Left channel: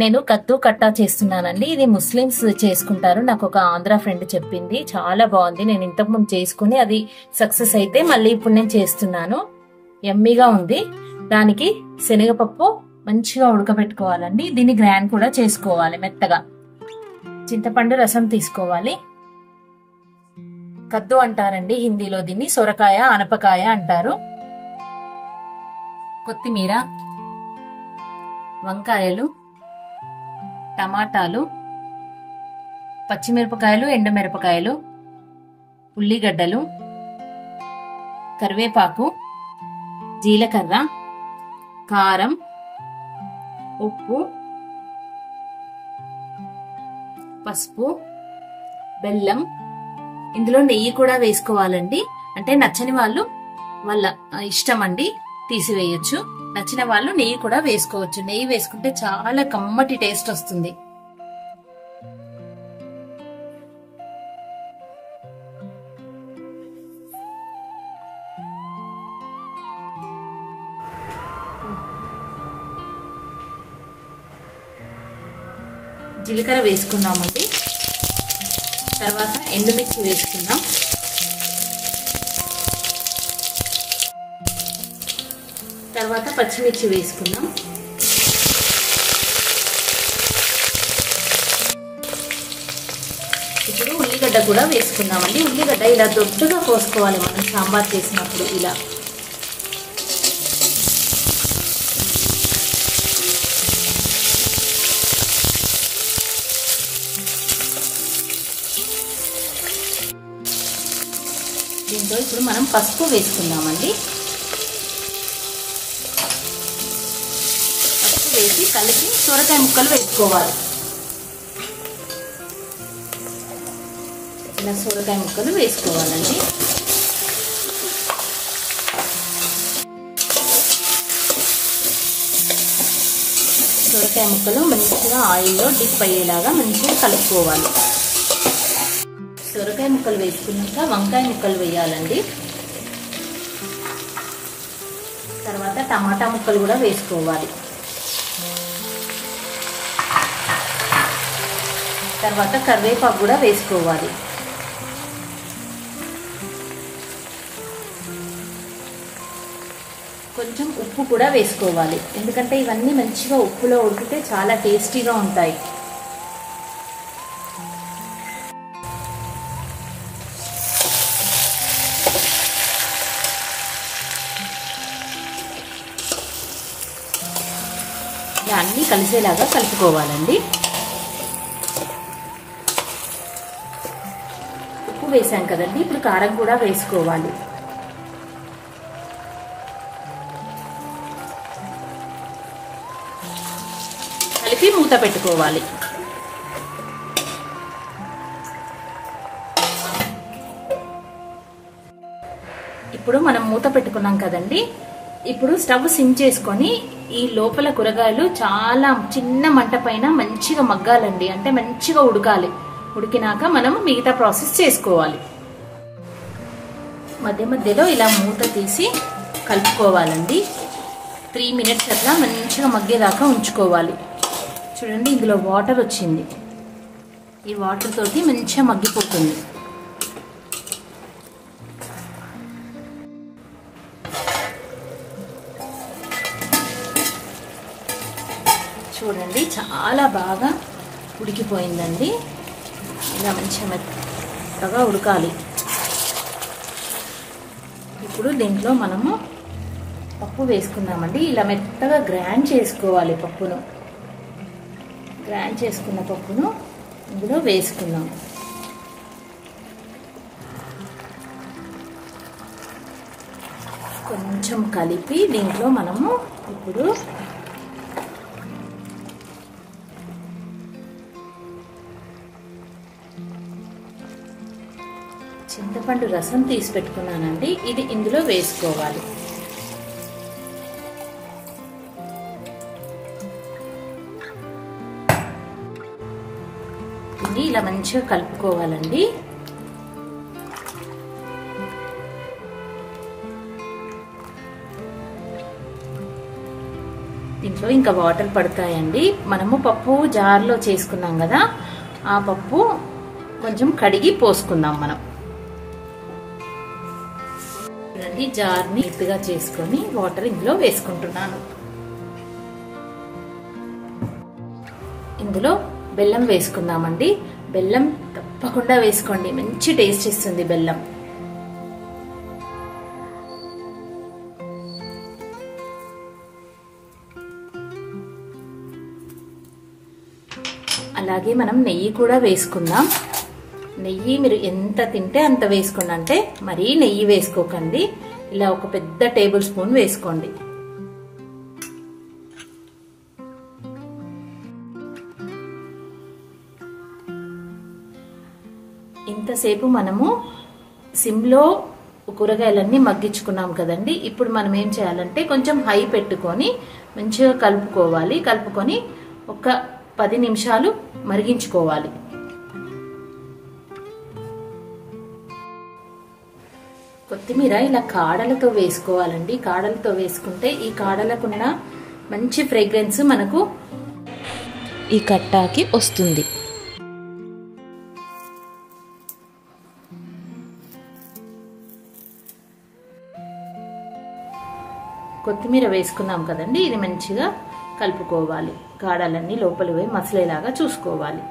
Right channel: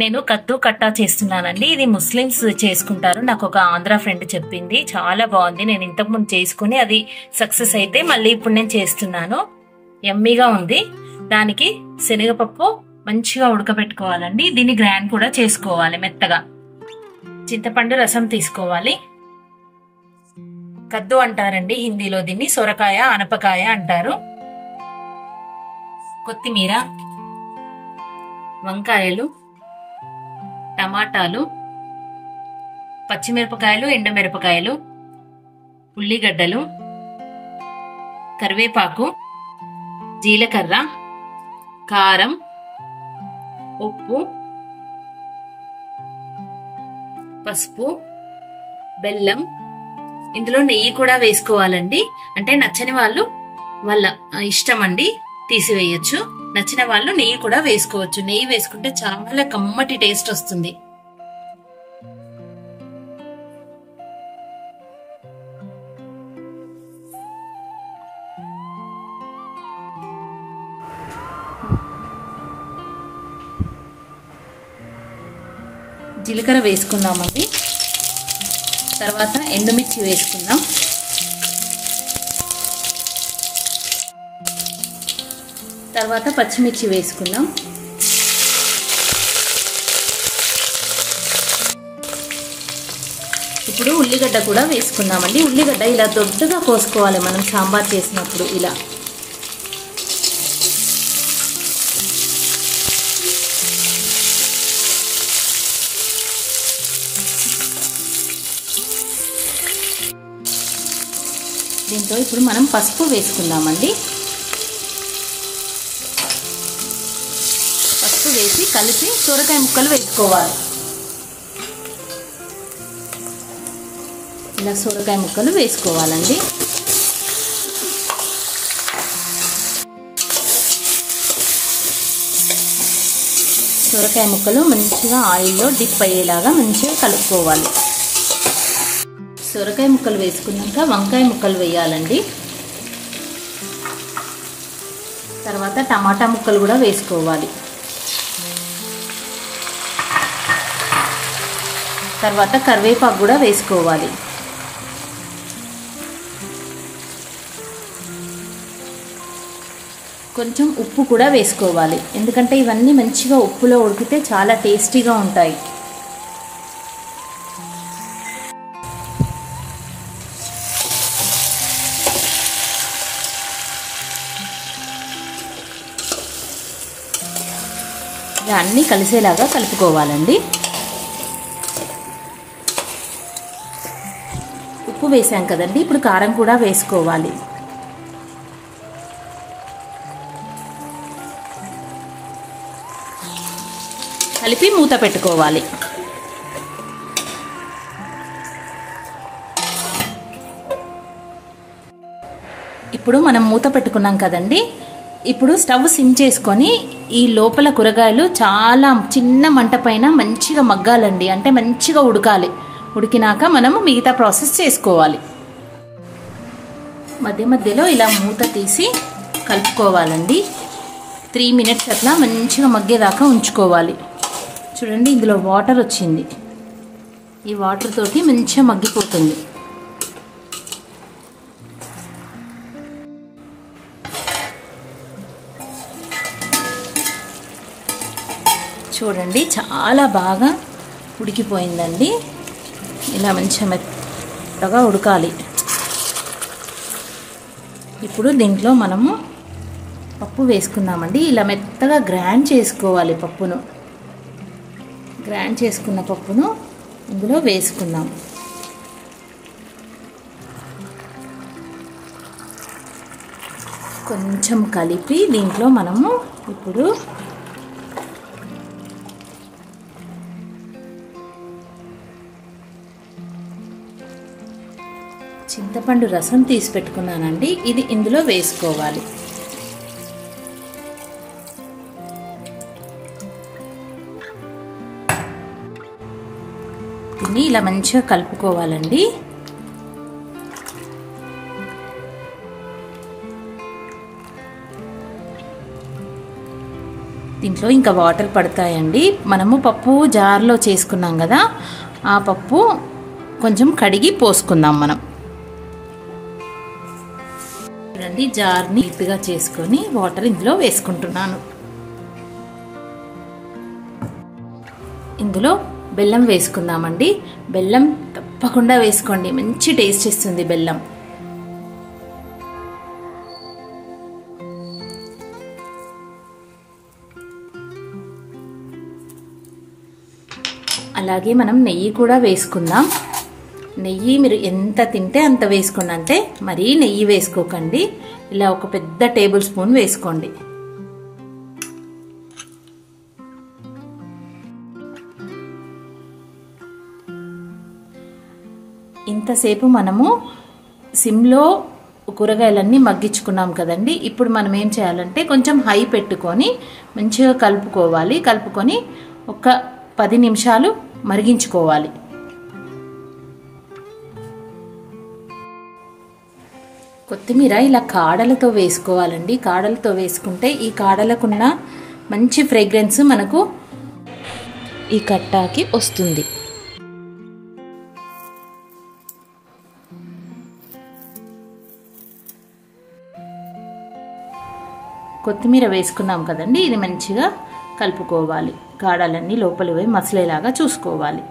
నేను కత్తు కట్టా చేస్తున్నానండి. ఇది ముస్లిమ్స్ చేసుకుంటారు. నాకు ఒక ఆంధ్ర ఫ్రెండ్ చెప్పింది, చాలా బాగుంది. నేను ఇంతకుముందు చేసుకుని అది సక్సెస్ అయితే మళ్ళీ ఇప్పుడు నేను చేస్తున్నాను. యమ్మీగా ఉంది. దానికి శనగపప్పు మంచిగా ఉడకబెట్టుకోవాలండి. దీన్ని గ్రైండ్ కూడా చేసుకోవాలి మెత్తగా. చింతపండు రసం తీసుకోవాలి. కద్దు అంటారండి హిందీలో దీన్ని. సొరకాయ, ఆనపకాయ అంటారు. కొత్తిమీర, వంకాయలు, టమాటాలు, పచ్చిమిరపకాయలు, ఎండుమిరపకాయలు, ఉల్లిగడ్డలు, కరివేపాకు, జీలకర్ర, కారం, ఉప్పు, పసుపు, బెల్లం. ఇందులో నెయ్యి కూడా వేసుకోవాలండి. అంటే నచ్చని వాళ్ళు వాళ్ళ ఇష్టం అండి, తీసివేయచ్చు. నచ్చిన వాళ్ళు నెయ్యి కూడా వేసుకోవచ్చు. నెయ్యి వేసుకుంటే చాలా కమ్మటి టేస్ట్ వస్తుంది. జీలకర్ర వేసుకుందామండి. తర్వాత ఎండుమిర్చి వేసుకుందాం. తర్వాత పచ్చిమిర్చి వేసుకుందాం. ఇప్పుడు ఉల్లిగడ్డ కూడా వేసుకుందామండి. ఉల్లిగడ్డ ఇలా దొడ్డుగా కోసుకోవాలి మనం సాంబార్ చేసినప్పుడు. ఇలా దీంతో ఇప్పుడు మనం పసుపు వేసుకుందామండి. పసుపు వేసి కలిపి సొరకాయ ముక్కలు వేసుకోవాలి. ఇలా సొరకాయ ముక్కలు వేసుకోవాలండి. సొరకాయ ముక్కలు మంచిగా ఆయిల్లో డిప్ అయ్యేలాగా మంచిగా కలుపుకోవాలి. సొరకాయ ముక్కలు వేసుకున్నాక వంకాయ ముక్కలు వేయాలండి. తర్వాత టమాటా ముక్కలు కూడా వేసుకోవాలి. తర్వాత కరివేపాకు కూడా వేసుకోవాలి. కొంచెం ఉప్పు కూడా వేసుకోవాలి. ఎందుకంటే ఇవన్నీ మంచిగా ఉప్పులో ఉడికితే చాలా టేస్టీగా ఉంటాయి. అన్నీ కలిసేలాగా కలుపుకోవాలండి. ఉప్పు వేసాం కదండి, ఇప్పుడు కారం కూడా వేసుకోవాలి. కలిపి మూత పెట్టుకోవాలి. ఇప్పుడు మనం మూత పెట్టుకున్నాం కదండి. ఇప్పుడు స్టవ్ సిమ్ చేసుకొని ఈ లోపల కూరగాయలు చాలా చిన్న మంట పైన మంచిగా మగ్గాలండి. అంటే మంచిగా ఉడకాలి. ఉడికినాక మనము మిగతా ప్రాసెస్ చేసుకోవాలి. మధ్య మధ్యలో ఇలా మూత తీసి కలుపుకోవాలండి. 3 మినిట్స్ అట్లా మంచిగా మగ్గేదాకా ఉంచుకోవాలి. చూడండి, ఇందులో వాటర్ వచ్చింది. ఈ వాటర్ తోటి మంచిగా మగ్గిపోతుంది. చూడండి, చాలా బాగా ఉడికిపోయిందండి. ఇలా మంచిగా మెత్తగా ఉడకాలి. ఇప్పుడు దీంట్లో మనము పప్పు వేసుకుందామండి. ఇలా మెత్తగా గ్రైండ్ చేసుకోవాలి పప్పును. గ్రైండ్ చేసుకున్న పప్పును ఇందులో వేసుకుందాం. కొంచెం కలిపి దీంట్లో మనము ఇప్పుడు చింతపండు రసం తీసి పెట్టుకున్నానండి. ఇది ఇందులో వేసుకోవాలి. దీన్ని ఇలా మంచిగా కలుపుకోవాలండి. దీంట్లో ఇంకా వాటర్ పడతాయండి. మనము పప్పు జార్లో చేసుకున్నాం కదా, ఆ పప్పు కొంచెం కడిగి పోసుకుందాం మనం. చూడండి, జార్ని నీట్గా చేసుకొని వాటర్ ఇందులో వేసుకుంటున్నాను. ఇందులో బెల్లం వేసుకుందామండి. బెల్లం తప్పకుండా వేసుకోండి, మంచి టేస్ట్ ఇస్తుంది బెల్లం. అలాగే మనం నెయ్యి కూడా వేసుకుందాం. నెయ్యి మీరు ఎంత తింటే అంత వేసుకోండి, అంటే మరీ నెయ్యి వేసుకోకండి. ఇలా ఒక పెద్ద టేబుల్ స్పూన్ వేసుకోండి. ఇంతసేపు మనము సిమ్లో కూరగాయలన్నీ మగ్గించుకున్నాం కదండి. ఇప్పుడు మనం ఏం చేయాలంటే కొంచెం హై పెట్టుకొని మంచిగా కలుపుకోవాలి. కలుపుకొని ఒక 10 నిమిషాలు మరిగించుకోవాలి. కొత్తిమీర ఇలా కాడలతో వేసుకోవాలండి. కాడలతో వేసుకుంటే ఈ కాడలకున్న మంచి ఫ్రేగ్రెన్స్ మనకు ఈ కట్టాకి వస్తుంది. కొత్తిమీర వేసుకున్నాం కదండి, ఇది మంచిగా కలుపుకోవాలి. కాడలన్నీ లోపలి పోయి మసలేలాగా చూసుకోవాలి.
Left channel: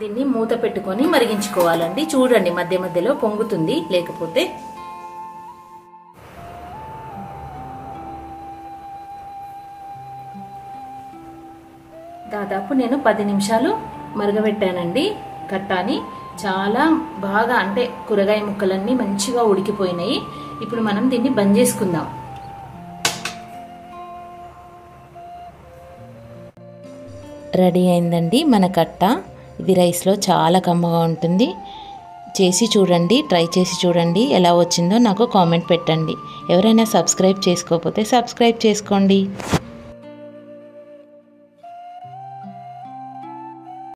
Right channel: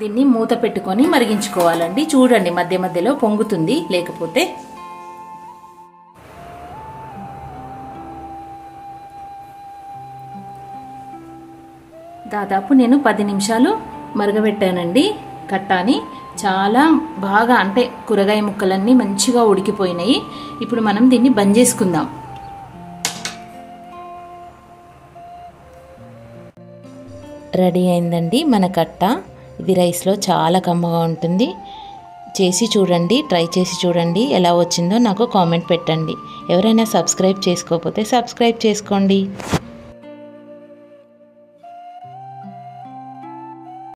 దీన్ని మూత పెట్టుకొని మరిగించుకోవాలండి. చూడండి, మధ్య మధ్యలో పొంగుతుంది, లేకపోతే దాదాపు నేను 10 నిమిషాలు మరగబెట్టానండి కట్టాని. చాలా బాగా, అంటే కూరగాయ ముక్కలన్నీ మంచిగా ఉడికిపోయినాయి. ఇప్పుడు మనం దీన్ని బంద్ చేసుకుందాం. రెడీ అయిందండి మన కట్ట. ఇది రైస్లో చాలా కమ్మగా ఉంటుంది. చేసి చూడండి, ట్రై చేసి చూడండి, ఎలా వచ్చిందో నాకు కామెంట్ పెట్టండి. ఎవరైనా సబ్స్క్రైబ్ చేసుకోకపోతే సబ్స్క్రైబ్ చేసుకోండి.